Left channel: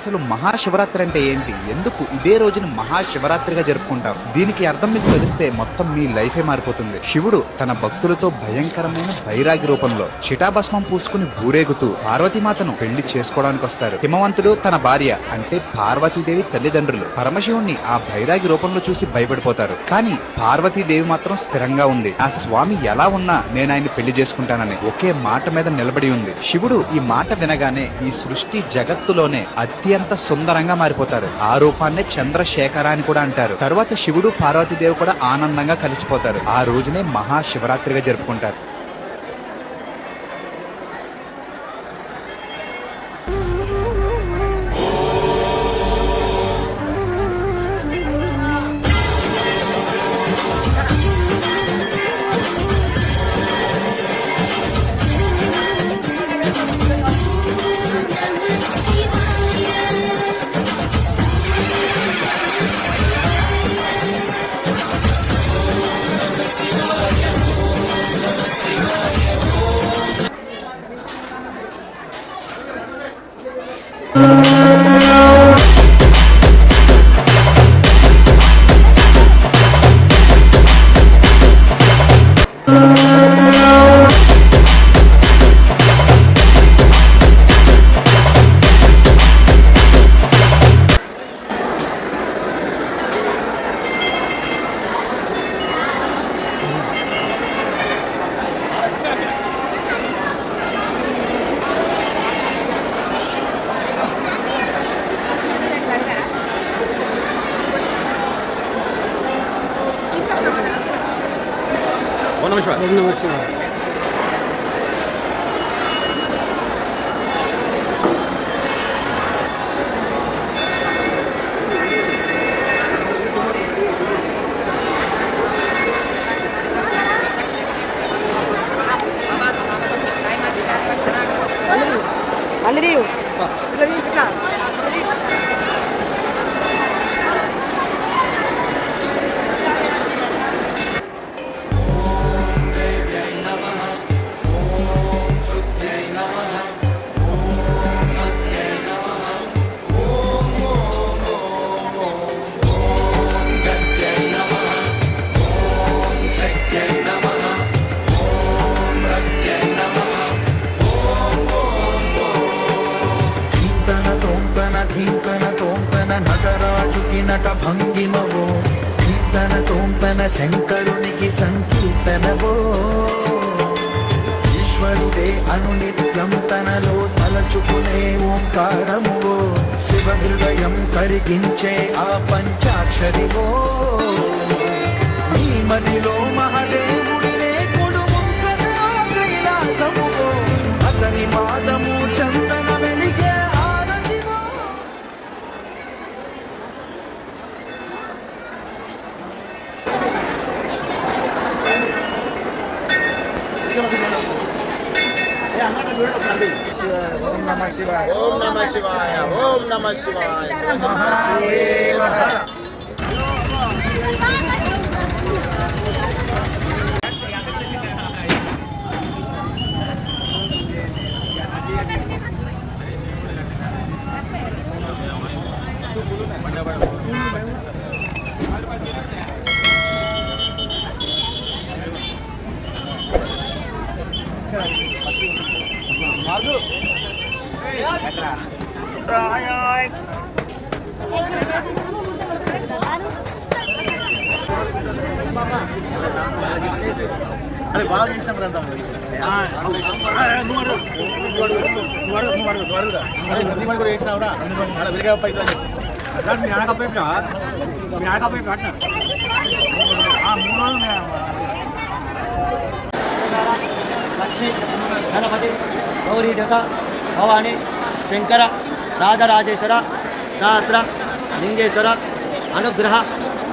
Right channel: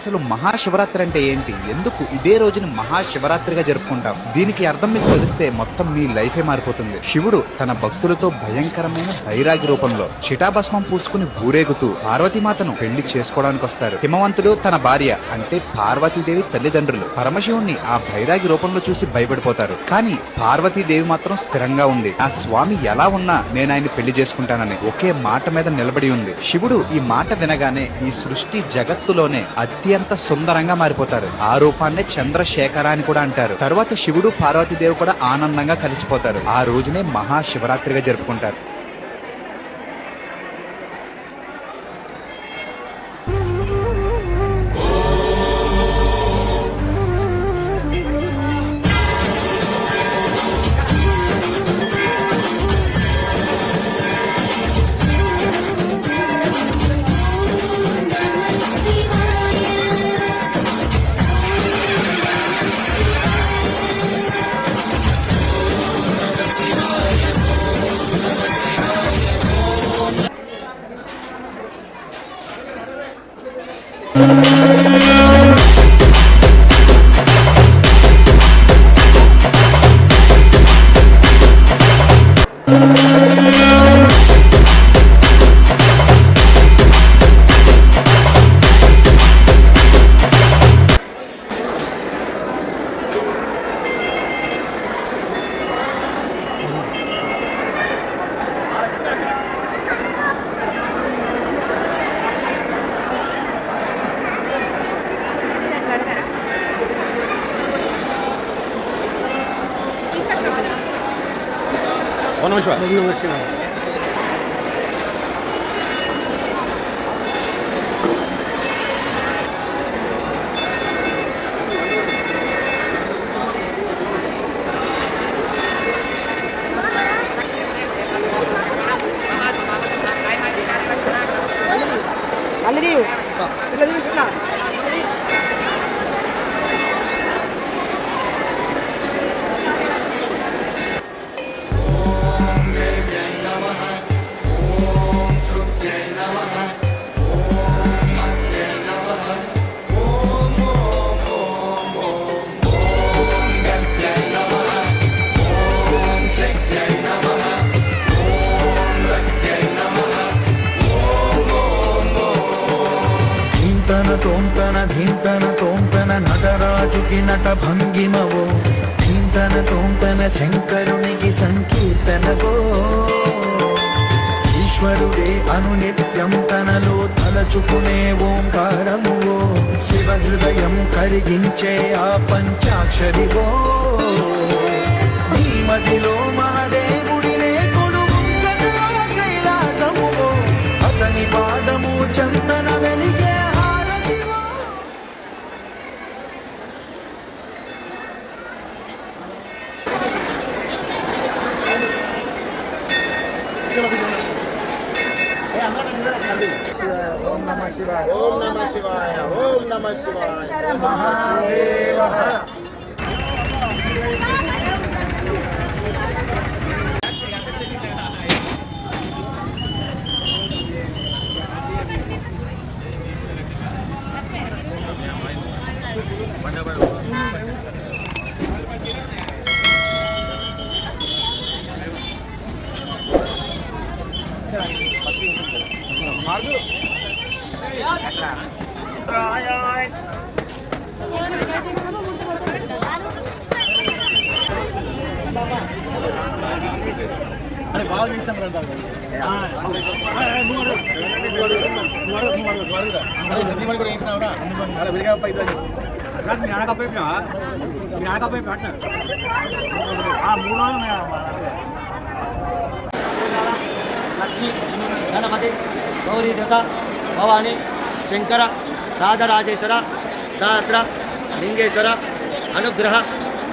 అసలు మహాశివరాత్రి అంటే ఏంటి, ఎందుకు ఇదే రోజుని మహాశివరాత్రిగా జరుపుకుంటాం? దీనికి అర్థం మీకు తెలిస్తే మొత్తం మీ లైఫే మారిపోతుంది. శివుడు తన భక్తులతో భయంకరమైన బైరాగి రూపంలో చిటాభస్మం పూసుకుని ఊరేగుతూ పార్వతీమాతను పెళ్లి చేసుకోవడానికి వస్తారు. హిమవంతుడు తన భార్య అంటే పార్వతీదేవి తల్లిదండ్రులు పరమశివుణ్ణి ఆ బైరాగి రూపంలో చూసి భయపడిపోతారు. కానీ పార్వతీదేవి మాత్రం స్థిరంగా ఉంది. ఆ స్వామి ఎలా ఉన్నా నేను ఆయన్ని పెళ్లి చేసుకుంటానని ఒకే మాట మీద నిలబడి ఉంది. శివుడు ఈ మాట వినగానే ఈ సృష్టి జగత్తులోనే అత్యంత సుందరంగా మారిపోతారు. ఆ రూపాన్నే చంద్రశేఖర అని కూడా అంటారు. తరువాత శివుడు పార్వతీదేవి కూడా ఆనందంగా కలిసిపోతారు. ఆ రోజునే మహాశివరాత్రిగా జరుపుకుంటారు. ఓం నమః శివాయ. నటరాజుకి నట భంగిమవో ధీంతన తోంతన శంకరునికి సంకీర్తనవో ఈశ్వరుడే అనునిత్యం తనలో తలచుకునే ఓంకారమువో శివ హృదయం కరిగించే ఆ పంచాక్షరివో నీ మదిలో మహాదేవుడినే కొలువుంకన కైలాసమువో అతని పాదము చందన వెలిగే ఓం నమః శివాయ. ఓం నమః శివాయ. ఓం నమః శివాయ. మహాదేవ మార్గు అరే బాగా చేస్తాం రండి సందీమని కూడా వేసినావురా అలా విరిగా పైసలు మీ ఆడకపోయినా లక్ష్మీ గణపతి గౌరీ దత్త భవానీ శంకర రాజరాజేశ్వర సహస్ర లింగేశ్వర అనుగ్రహ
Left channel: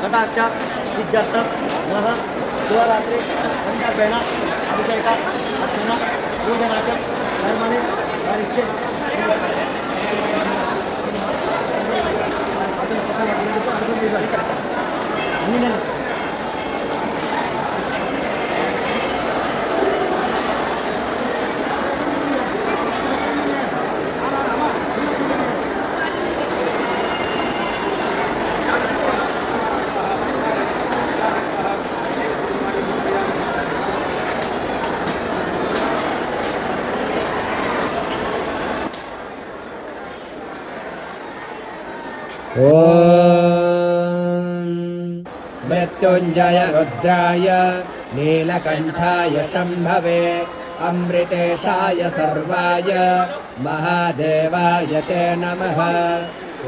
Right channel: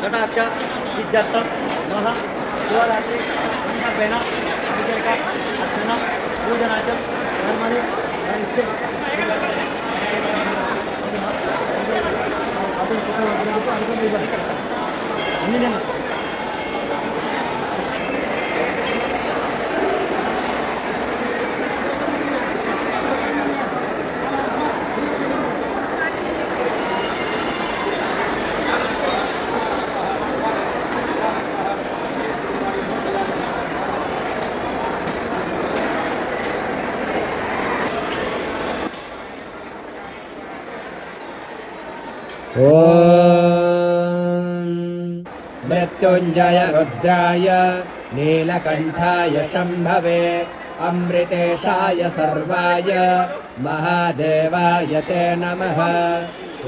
కటాక్ష సిద్ధార్థ మహ శివరాత్రి సంకల్పేణ అభిషేక అర్చన పూజనాచ కర్మణి ॐ मृत्युञ्जय रुद्राय नीलकण्ठाय शम्भवे अमृतेशाय सर्वाय महादेवाय ते नमः। ॐ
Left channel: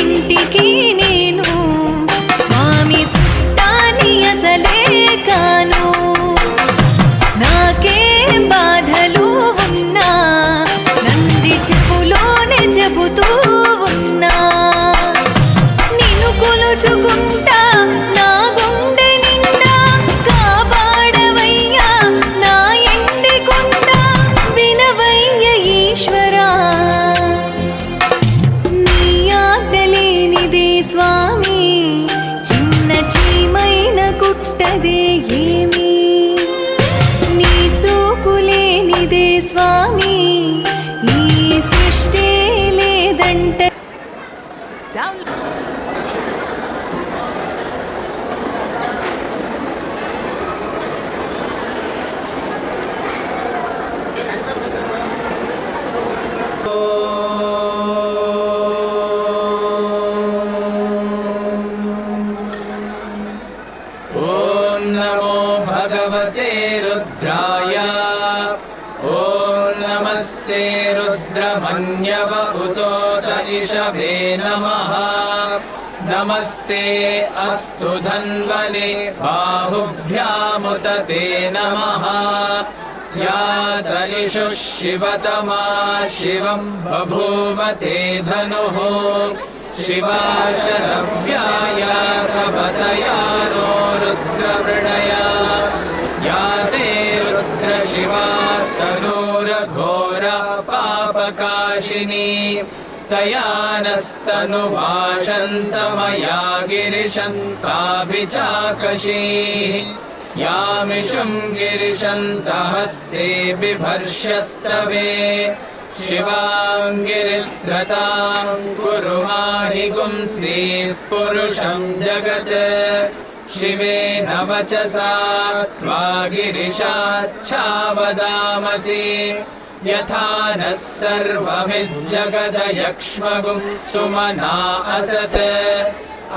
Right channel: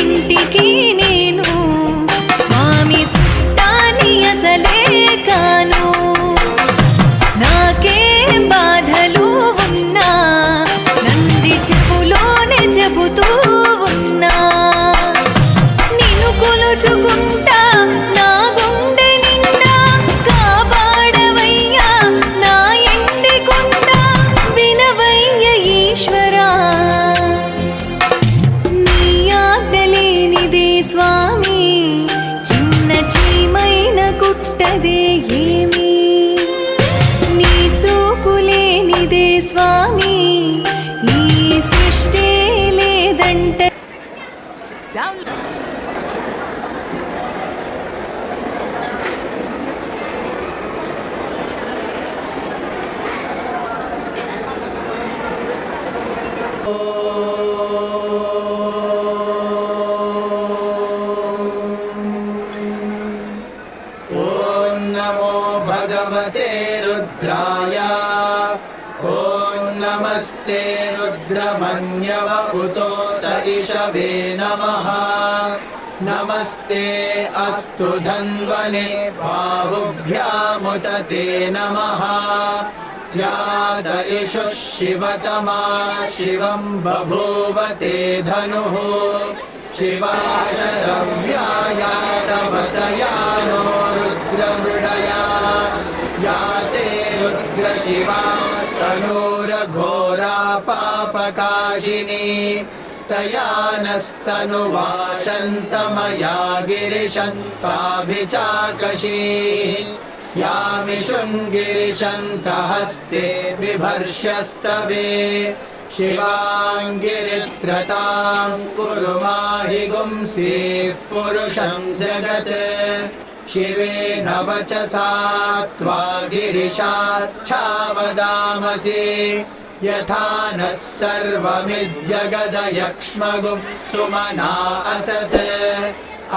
ఇంటికి నేను స్వామి సుట్టాని అసలే కాను. నాకే బాధలు ఉన్నా నంది చెప్పులోనే చెబుతూ ఉన్నా. నిన్ను కొలుచుకుంటా నా గుండె నిండా కాపాడవయ్యా నా ఇంటి కొండ వినవయ్య ఈశ్వరా. స్వామి చిన్న చీమైన కుట్టదే ఏమి నీ చూపులేనిదే స్వామి ఈ సృష్టి లేదంట. नमो भगवते रुद्राय ॐ नमस्ते रुद्रमन्यवभूतोत इषभे नमः। नमस्ते अस्तु धन्वने बाहुभ्यामुत ते नमः। यात इषुः शिवतमा शिवं बभूव ते धनुः शिवाशरभ्याय तवदयानो रुद्रमृडया या ते रुद्रशिवा कठोरघोरा पापकाशिनी तया नस्तनुवाशन्तमया गिरिशन्ताभिचाकशीः यामिषुं गिरिशन्तहस्ते बिभर्षस्तवे शिवाङ्गिरित्रतां कुरु माहि गुंसीः पुरुषं जगत् शिवेन वचसा त्वा गिरिशाच्छावदामसि यथा नः सर्वमिज्जगदयक्ष्मगुं सुमना असत्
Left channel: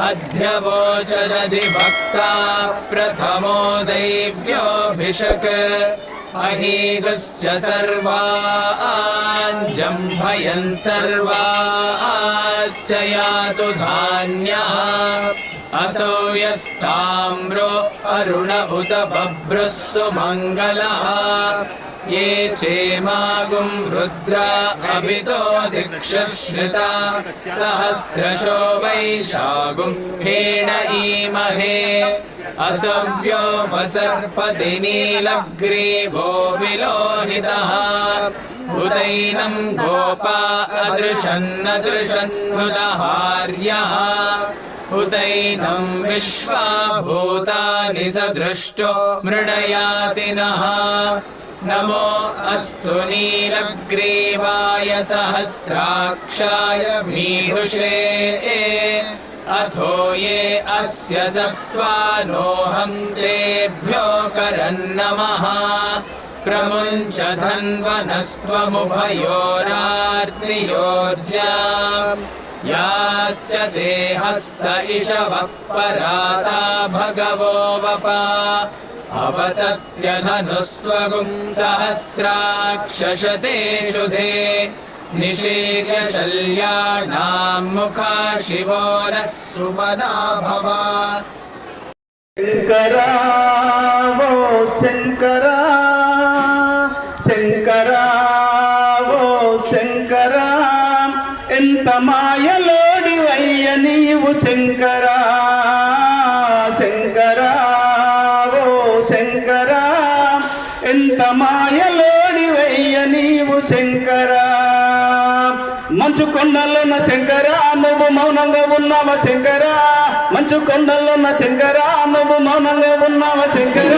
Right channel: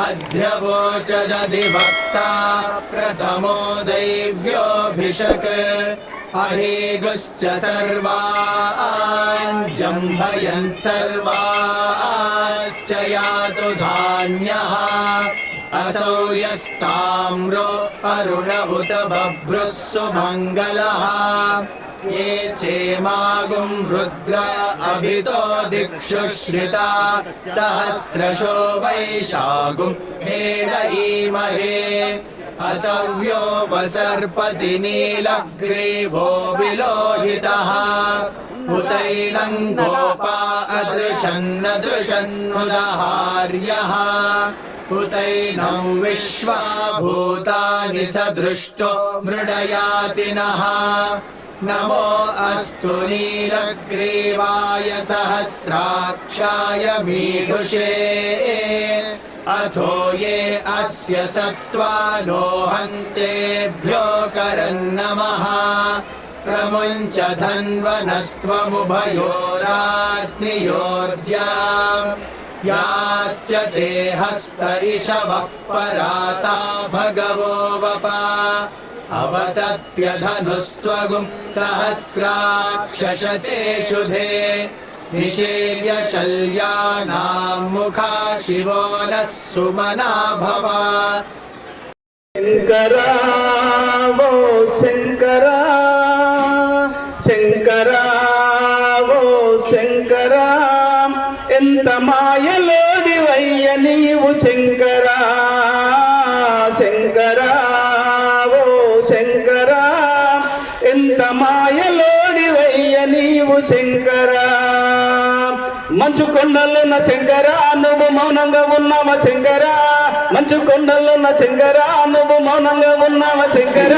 अध्यवोचदधिवक्ता प्रथमो दैव्योऽभिषक् अहीगुश्च सर्वान् जम्भयन् सर्वाश्च यातु धान्यः असौ यस्ताम्रो अरुण उत बभ्रुः सुमङ्गलः ये चेमागुं रुद्रा अभितो दिक्षुश्रिता सहस्रशो वैशागुं हेड ईमहे असव्यो वसर्पति नीलग्रीवो विलोहितः उदैनं गोपा अदृशन्नदृशन्नुदहार्यः उदैनं विश्वा भूतानि सदृष्टो मृडयाति नः नमो अस्तु नीलग्रीवाय सहस्राक्षाय मीढुषे अथो ये अस्य सत्त्वानो हन्तेभ्यो करन्नमः प्रमुञ्च धन्वनस्त्वमुभयोराग्नियोज्याम् याश्च ते हस्त इषवः पदाता भगवो वपा अवदत्यधनुस्त्वगुं सहस्राक्षशते शुधे निशीर्यशल्यानां मुखा शिवो नः सुमना भव शंकरा वो शंकरा शंकरा वो शंकरा ఎంత మాయలోడివయ్య నీవు శంకరా శంకరా ఓ శంకరా ఎంత మాయలోడివయ్య నీవు శంకరా మంచు కొండలున్న శంకర నువ్వు మౌనంగా ఉన్నావ శంకర మంచు కొండలున్న శంకర నువ్వు మౌనంగా ఉన్నావ శంకర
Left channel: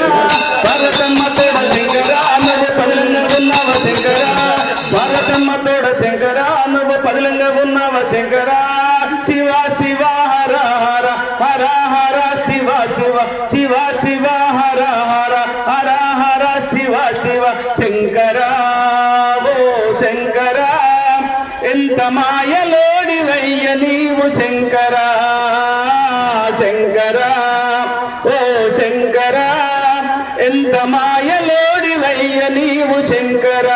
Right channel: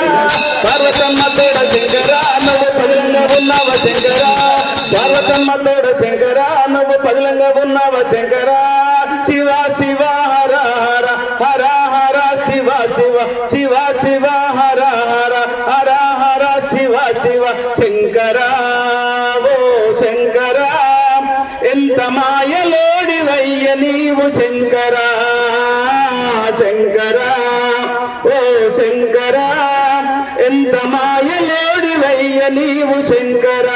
పార్వతమ్మ తోడ శంకర నువ్వు పదిలంగా ఉన్నావ శంకర పార్వతమ్మ తోడ శంకర నువ్వు పదిలంగా ఉన్నావ శంకర శివ శివ హర హర హర హర శివ శివ శివ శివ హర హర హర హర శివ శివ శంకర ఓ శంకర ఎంత మాయలోడివయ్య నీవు శంకర శంకర ఓ శంకర ఎంత మాయలోడివయ్య నీవు శంకర